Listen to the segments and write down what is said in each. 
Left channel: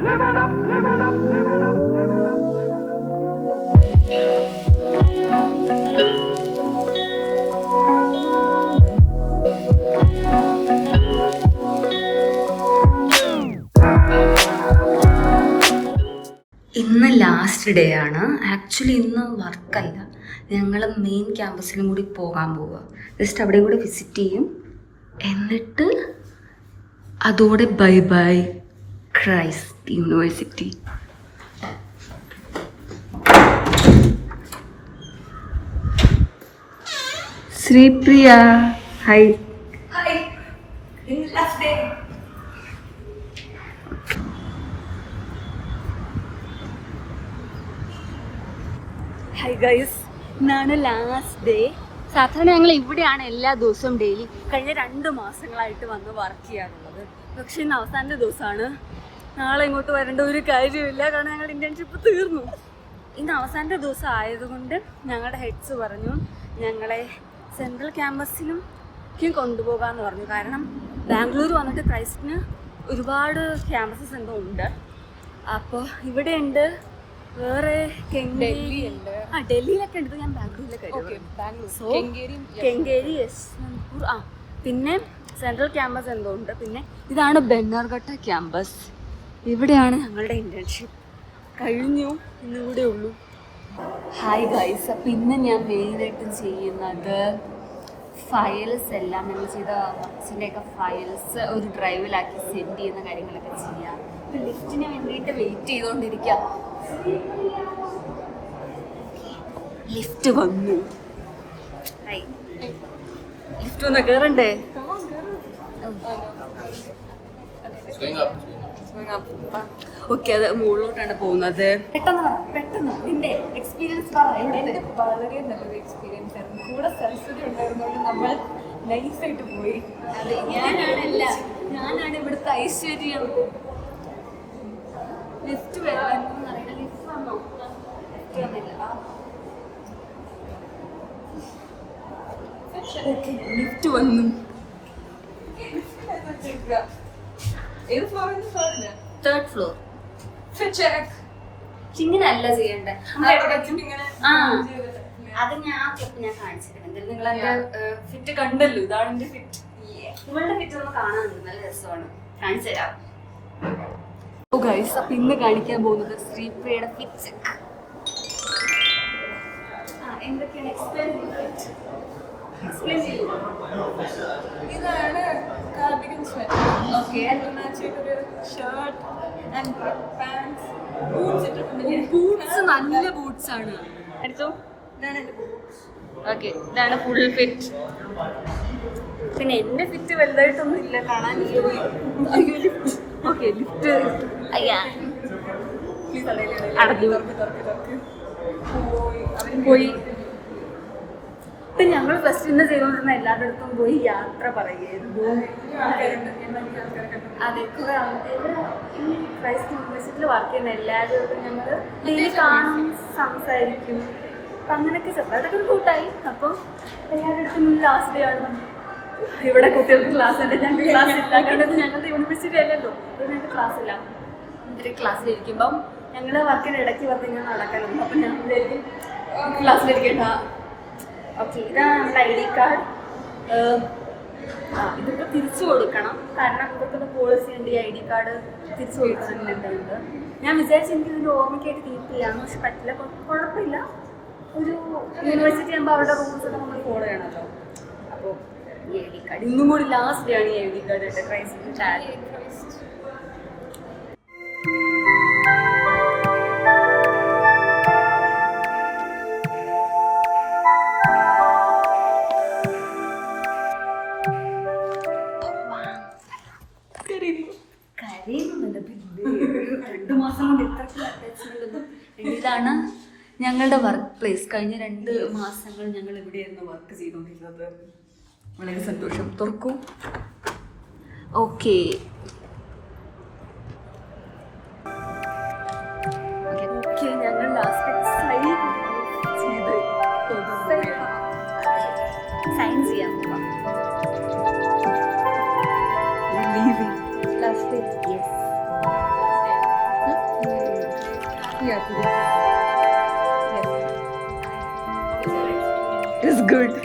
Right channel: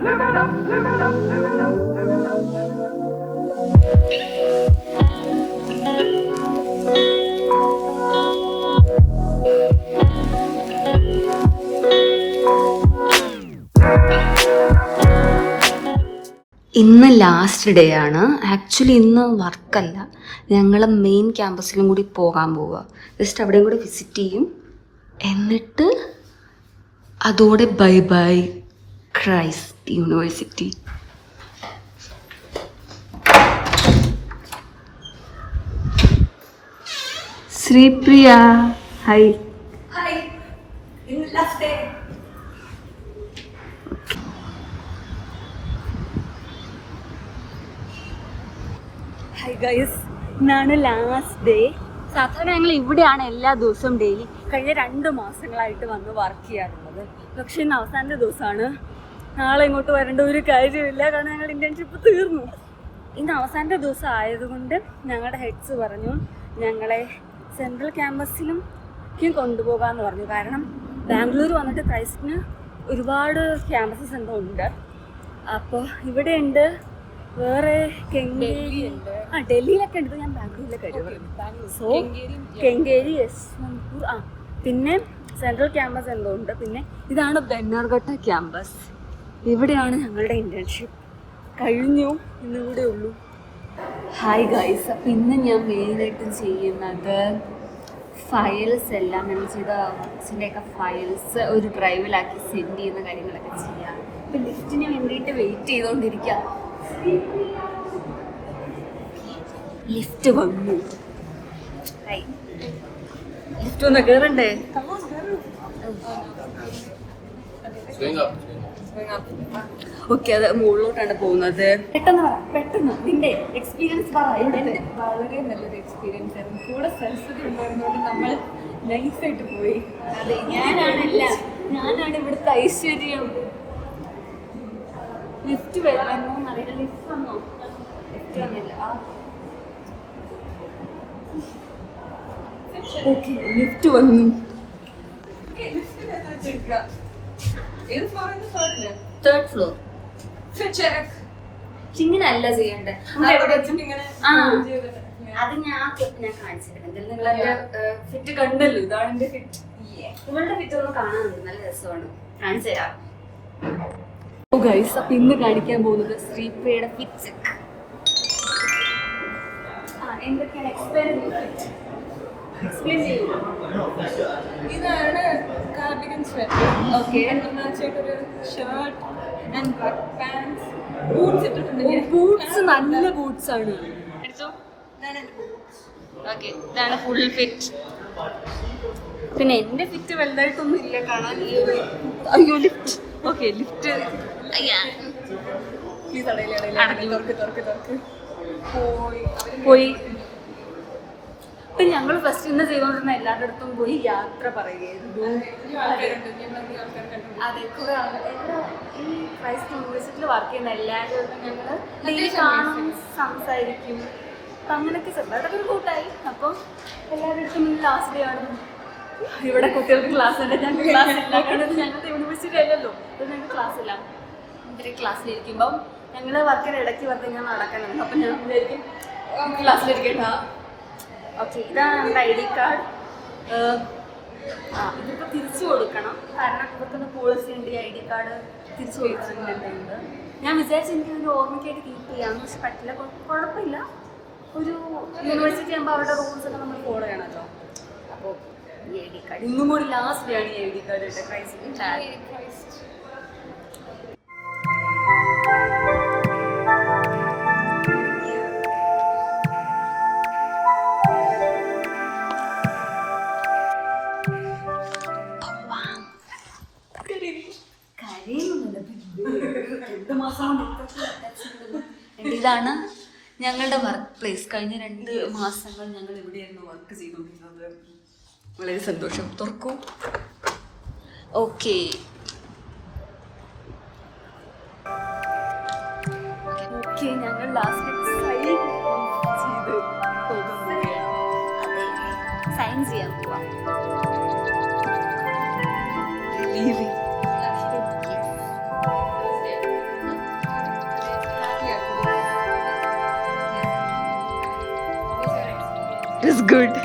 ഇന്ന് last day ആണ്. Actually ഇന്ന് വർക്കല്ല, ഞങ്ങൾ മെയിൻ ക്യാമ്പസിലും കൂടി പോകാൻ പോവുക. ജസ്റ്റ് അവിടെയും കൂടി വിസിറ്റ് ചെയ്യും, എന്നിട്ട് അതോടെ bye bye Christ university. Sripriya high. Hi guys, ഇന്നാണ് ലാസ്റ്റ് ഡേ. സാധാരണ ഞങ്ങൾ ഇവിടെയാണ് എല്ലാ ദിവസവും ഡെയിലി കഴിഞ്ഞ 2 മാസങ്ങളായിട്ട് വന്ന് വർക്ക് ചെയ്യാറുള്ളത്. പക്ഷെ ഇന്ന് അവസാനത്തെ ദിവസമാണ്. നാളെ ഇങ്ങോട്ട് വരേണ്ട ഒരു കാര്യമില്ല, കാരണം ഞങ്ങളുടെ ഇന്റേൺഷിപ്പ് തീർന്നു. ഇന്ന് അവസാനത്തെ ദിവസം ആയതുകൊണ്ട് ഞങ്ങളുടെ ഹെഡ്സ് പറഞ്ഞു ഞങ്ങളെ സെൻട്രൽ ക്യാമ്പസിലും കൊണ്ടുപോകാമെന്ന് പറഞ്ഞു. കാരണം ബാംഗ്ലൂർ വന്നിട്ട് ക്രൈസ്റ്റിന് ഒരുപാട് ക്യാമ്പസസ് എന്തോ ഉണ്ട്. അപ്പോൾ ഇവിടെ ഉണ്ട്, വേറെ കെങ്കേരി ഉണ്ട്, ഡൽഹിയിലൊക്കെ ഉണ്ട്. ഞാൻ ബാംഗ്ലൂരിലൊക്കെ സോ കെങ്കേരി, യശ്വന്ത്പൂർ, പിന്നെ സെൻട്രൽ ക്യാമ്പസ് എന്തോ ഉണ്ട്. പിന്നെ ഇതാണ് ബെന്നർഘട്ട ക്യാമ്പസ്. ഇവിടെയാണ് ഞങ്ങളുടെ ഇന്റേൺഷിപ്പ്. കഴിഞ്ഞു, ഇന്നുകൂടെ ഉള്ളൂ. ഹായ് ഗൈസ്, അപ്പം ഇന്ന് ഞാൻ മെയിനായിട്ട് ചെയ്യുന്നത് ഫയൽസ് എല്ലാം നമ്മൾ ചെയ്ത വർക്ക്സിൻ്റെയൊക്കെ ഫയൽസ് ഒരു ഡ്രൈവിലാക്കി സെൻഡ് ചെയ്യുന്ന കാര്യങ്ങളൊക്കെ ചെയ്യാം. ഇപ്പം ലിഫ്റ്റിന് വേണ്ടിയിട്ട് വെയിറ്റ് ചെയ്തുകൊണ്ടിരിക്കുക. ലിഫ്റ്റ് വന്നു. ലിഫ്റ്റ് വന്ന് കയറണ്ടേ? ഓക്കെ, അത് മുകളിലോട്ടാണ് പോകുന്നത്. പെട്ടെന്ന് നിന്റെ എക്സ്പീരിയൻസ് പറ. വളരെ നല്ലൊരു എക്സ്പീരിയൻസ് ആയിരുന്നു. കൂടെ സരസ്വതി ഉണ്ടായിരുന്നോണ്ട് നമ്മൾ നൈസായിട്ട് പോയി. അതെ, ഞാനാണ് ഇവിടുത്തെ ഐശ്വര്യം. ലിഫ്റ്റ് വരുന്നറിയില്ല. ലിഫ്റ്റ് വന്നോ? ലിഫ്റ്റ് വന്നില്ല. ഓക്കെ, ലിഫ്റ്റ് വന്നു. Third floor. ഇങ്ങനല്ല ചെയ്യണ്ടേ? അത് ഞാൻ കാണിച്ചിരുന്നു. നിങ്ങളെന്റെ ഫിറ്റ് കണ്ടല്ലോ. ഇതാണ് എന്റെ ഫിറ്റ്. നിങ്ങളുടെ ഫിറ്റ് ഒന്ന് കാണാനുണ്ട്, നല്ല രസമാണ്. കാണിച്ചു തരാം. ഗൈസ്, അപ്പൊ ഇന്ന് കാണിക്കാൻ പോകുന്നത് ശ്രീപ്രിയയുടെ ഫിറ്റ് ചെക്ക്. എന്തൊക്കെയാണ് എക്സ്പ്ലെയിൻ ചെയ്യുമോ? ഇതാണ് കാർഡിഗൻ സ്വെറ്റർ. ഓക്കെ, ഒരു ഷർട്ട് ആൻഡ് പാൻസ്. ബൂട്ട്സ് ഇട്ടിട്ടുണ്ടല്ലേ? ബൂട്ട്സ് നല്ല ബൂട്ട്സ് ആണ്. എടുത്തോ, ഇതാണ് എന്റെ ബൂട്ട്സ്. ഓക്കെ, ഇതാണ് ഫുൾ ഫിറ്റ്. പിന്നെ എന്റെ ഫിറ്റ് വലുതായിട്ടൊന്നും ഇല്ല കാണാൻ. അയ്യോ, ലിഫ്റ്റ്. ഓക്കെ, ലിഫ്റ്റ് അടഞ്ഞു പോയി. ഇപ്പം ഞങ്ങൾ ഫസ്റ്റ് ഇന്ന് ചെയ്തുകൊണ്ടിരുന്ന എല്ലാവരുടെ അടുത്തും പോയി യാത്ര പറയുകയായിരുന്നു. അതെ, കുറെ ഇവിടെ ഈ ക്രൈസ്റ്റ് യൂണിവേഴ്സിറ്റിയിൽ വർക്ക് ചെയ്യുന്ന എല്ലാവരും ഞങ്ങൾ ഡെയിലി കാണും, സംസാരിക്കും. അപ്പം അങ്ങനെയൊക്കെ ചെറുതായിട്ടൊക്കെ ഒരു കൂട്ടായി. അപ്പം എല്ലാവരുടെ അടുത്തും ലാസ്റ്റ് ഡേ ആണ്. ഇവിടെ കുട്ടികൾക്ക് ക്ലാസ് ഉണ്ട്, ഞങ്ങൾക്ക് ക്ലാസ് ഇല്ല. കാരണം ഞങ്ങളുടെ യൂണിവേഴ്സിറ്റി അല്ലല്ലോ, അപ്പോൾ ഞങ്ങൾക്ക് ക്ലാസ് ഇല്ല. ഇവര് ക്ലാസ്സിലിരിക്കുമ്പം ഞങ്ങൾ വർക്കിന് ഇടയ്ക്ക് വെറുതെ ഇങ്ങനെ നടക്കാനുണ്ട്. അപ്പം ഞാൻ വിചാരിക്കും ക്ലാസ്സിലിരിക്കട്ട. ഓക്കെ, ഇതാണ് നമ്മുടെ ID കാർഡ്. ഇതിപ്പോൾ തിരിച്ചു കൊടുക്കണം, കാരണം ഇവർക്കൊന്ന് പോളിസി ഉണ്ട് ഈ ID കാർഡ് തിരിച്ചു കൊടുക്കുന്നുണ്ട്. ഞാൻ വിചാരിച്ചു എനിക്ക് ഇതിൻ്റെ ഓർമ്മയ്ക്കായിട്ട് കീപ്പ് ചെയ്യാമെന്ന്, പക്ഷെ പറ്റില്ല. കുഴപ്പമില്ല, ഒരു യൂണിവേഴ്സിറ്റി ആകുമ്പോൾ അവരുടെ റൂൾസ് ഒക്കെ നമ്മൾ ഫോളോ ചെയ്യണമല്ലോ. അപ്പോൾ ഈ ID കാർഡ് ഇന്നും കൂടി ലാസ്റ്റ് ഡേ ആണ് ഈ ID കാർഡ് ഇട്ട ക്രൈസ്റ്റിൻ്റെ ടാഗ്. ഇതാണ് ഞങ്ങളുടെ വർക്ക് പ്ലേസ്. കഴിഞ്ഞ 2 മാസങ്ങൾ ഞങ്ങൾ ഇവിടെയായിരുന്നു വർക്ക് ചെയ്തുകൊണ്ടിരുന്നത്. വളരെ സന്തോഷം. തുറക്കൂ. ഓക്കെ, ഞങ്ങൾ ലാസ്റ്റ് സൈൻ ചെയ്യാൻ പോവാം. Is good.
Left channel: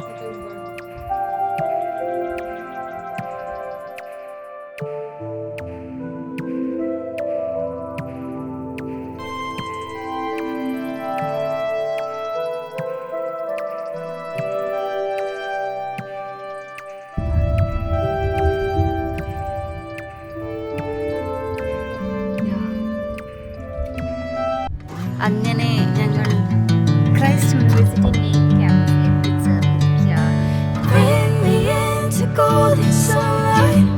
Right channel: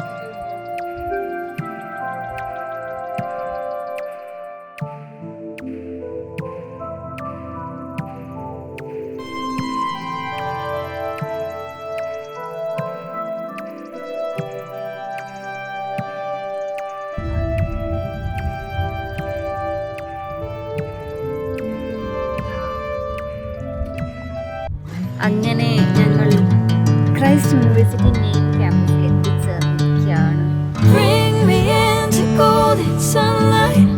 അങ്ങനെ ഞങ്ങൾ ക്രൈസ്റ്റ് യൂണിവേഴ്സിറ്റി മെയിൻ ക്യാമ്പസിൽ എത്തിച്ചേർന്നിരിക്കുകയാണ്. Bring me into golden sunlight.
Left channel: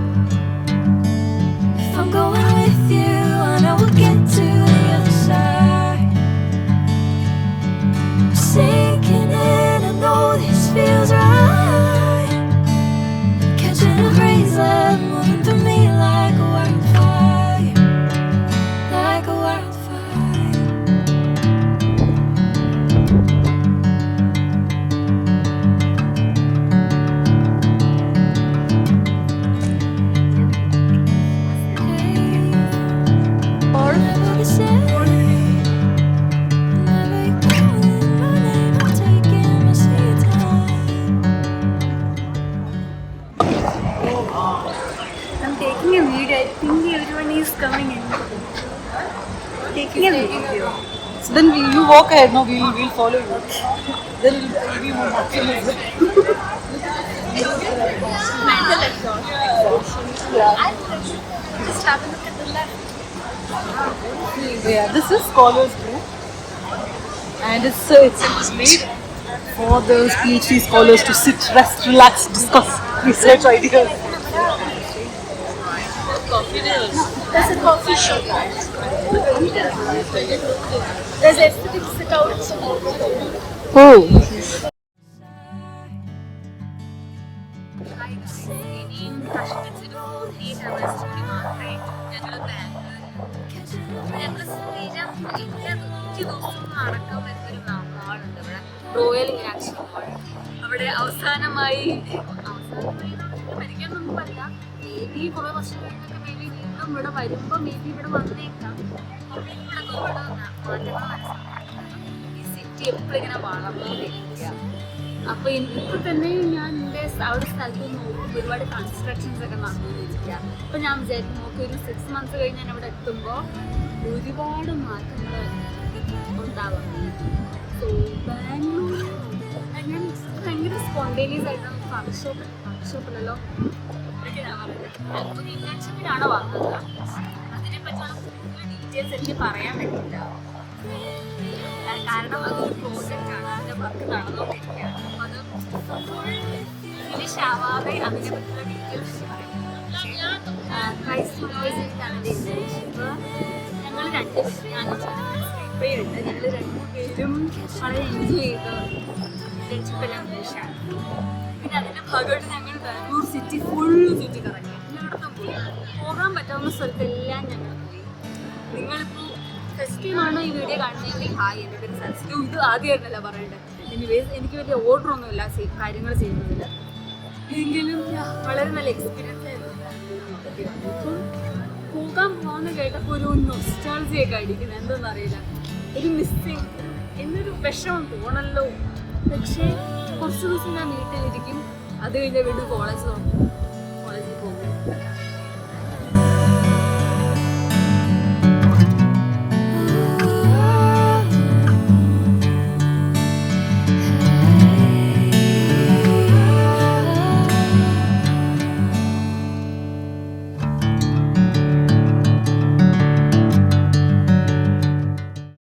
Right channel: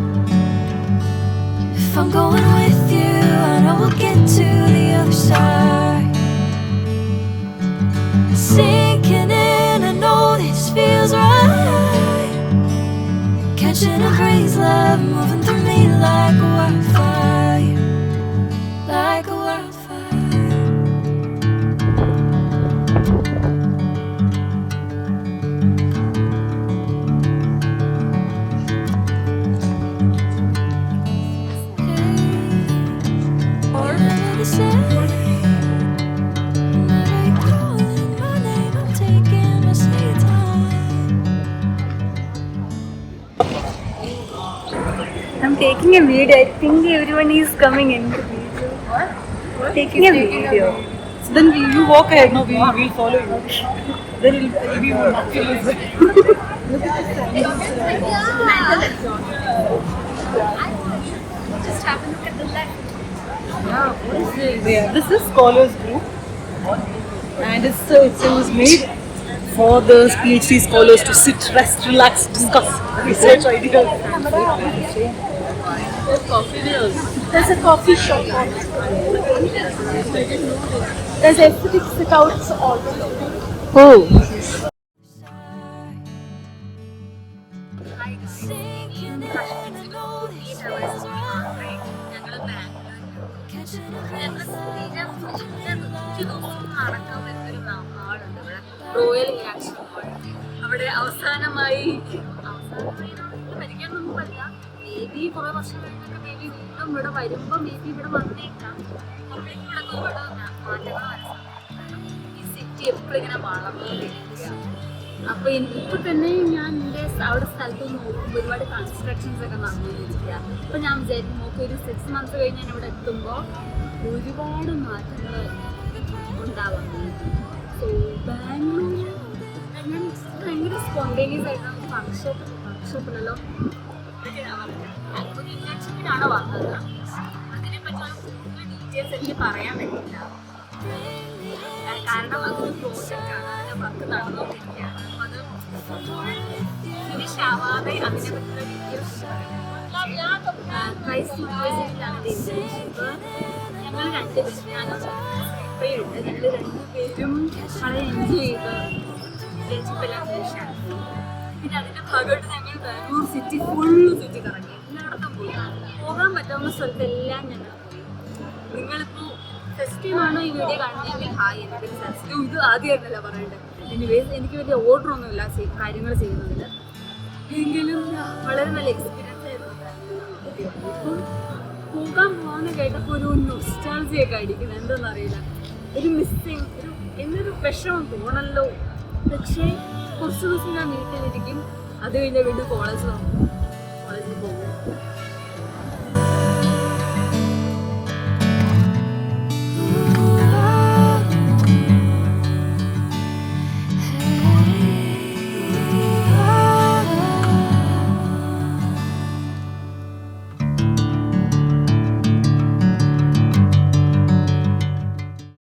If I'm going with you, I know we'll get to the other side. Sinking in, I know this feels right. Catching a crazy love moving through me like a wildfire, like a wildfire. Whatever they say, whenever you're calling my name, I'm taking my sweet time. I'm taking a video. I think everyone is coming in the video. Taking a video. So then you walk ahead, no, we will follow you. Then it will be more natural. Yeah, this is Scholars Group, and it was made for the PhD scholars to sit, rest, relax, discuss research ideas. There's a coffee shop. There's aesthetic sit-outs also. Oh. Royal action മോൾ അവിടെ അവസാനമായി പരിഗണനൊന്നും പറയാ. May be കുറെ വർഷം കഴിഞ്ഞൊക്കെ may be വീണ്ടും ഇവിടെ വരുമ്പോ may be ഇവിടെ വന്നേക്കാം. ഇവിടെ മാറ്റങ്ങൾ മനസ്സിലാക്കാം. ഈ സിറ്റി എപ്പോഴും ഇങ്ങനെ വളർന്നുകൊണ്ടിരിക്കുക. അപ്പൊ ഇപ്പൊ തന്നെ ഞാൻ എൻ്റെ അവിടെ സ്ഥലത്ത് നോക്കുമ്പോൾ ഒരുപാട് കൺസ്ട്രക്ഷൻസ് ഒക്കെ നടന്നുകൊണ്ടിരിക്കുക. അപ്പൊ ഞാൻ വിചാരിക്കും നോക്കി ഒരു 6 months കഴിഞ്ഞ് ഞാൻ ഇവിടെ എത്തുമ്പോൾ ഒരുപാട് മാറ്റങ്ങൾ ഉണ്ടാവുന്നുണ്ട്. സോ ബാംഗ്ലൂർ ഞാൻ ഭയങ്കര സ്പോണ്ടേനിയസ് ആയിട്ട് വർക്ക്ഷോപ്പിലല്ലോ ഒരു ഇന്റേൺഷിപ്പിനാണ് വന്നത്. അതിനെപ്പറ്റിയുള്ള കൂടുതൽ ഡീറ്റെയിൽസ് എനിക്ക് പറയാൻ പറ്റില്ല. കാരണം അതൊരു പ്രോജക്റ്റാണ്, അതിൻ്റെ വർക്ക് നടന്നുകൊണ്ടിരിക്കുകയാണ്. അപ്പം അത് ഫിനിഷ് ആവാതെ അതിനെപ്പറ്റിയുള്ള ഡീറ്റെയിൽസ് ക്രൈസ്റ്റ് യൂണിവേഴ്സിറ്റിയിലാണ് എൻ്റെ ഇന്റേൺഷിപ്പ്. ഞങ്ങൾ രണ്ടുപേരും ഞാനും ഇപ്പോഴുണ്ട്. ഞങ്ങൾ രണ്ടുപേരും വളരെ എൻജോയ് ചെയ്ത് ഇന്റേൺഷിപ്പ് എല്ലാം ഫിനിഷാണ്. പിന്നെ അതിൻ്റെ ഭാഗമായിട്ട് ഞങ്ങൾ ബാംഗ്ലൂർ സിറ്റി ഫുള്ള് ചുറ്റി കറങ്ങി. എല്ലായിടത്തും പോയി, പോകാൻ പറ്റാവുന്ന സ്ഥലത്തെല്ലാം ഞങ്ങൾ പോയി. നിങ്ങളിപ്പോൾ ഫസ്റ്റ് ടൈമാണോ ഈ വീഡിയോ കാണുന്നതെങ്കിൽ ഹായ്, എൻ്റെ പേര് സരസ്വതി. ഇത് ആദ്യമായിരുന്നല്ല പറയേണ്ടത്. എനിവേസ് എനിക്ക് വലിയ ഓർഡറൊന്നുമില്ല കാര്യങ്ങൾ ചെയ്യുന്നതിൽ. എങ്കിലും വളരെ നല്ല എക്സ്പീരിയൻസ് ആയിരുന്നു. ഇപ്പം പോകാൻ പോകാമെന്ന് കേട്ടപ്പോൾ ഒരു നൊസ്റ്റാൾജിയൊക്കെ അടിക്കുന്നത് എന്തെന്നറിയില്ല. ഒരു മിസ്സിങ്, എന്നൊരു വിഷമം തോന്നല്ലോ. പക്ഷേ കുറച്ച് ദിവസം ഞാൻ വീട്ടിലിരിക്കും, അത് കഴിഞ്ഞാൽ വീണ്ടും കോളേജ് നോക്കും.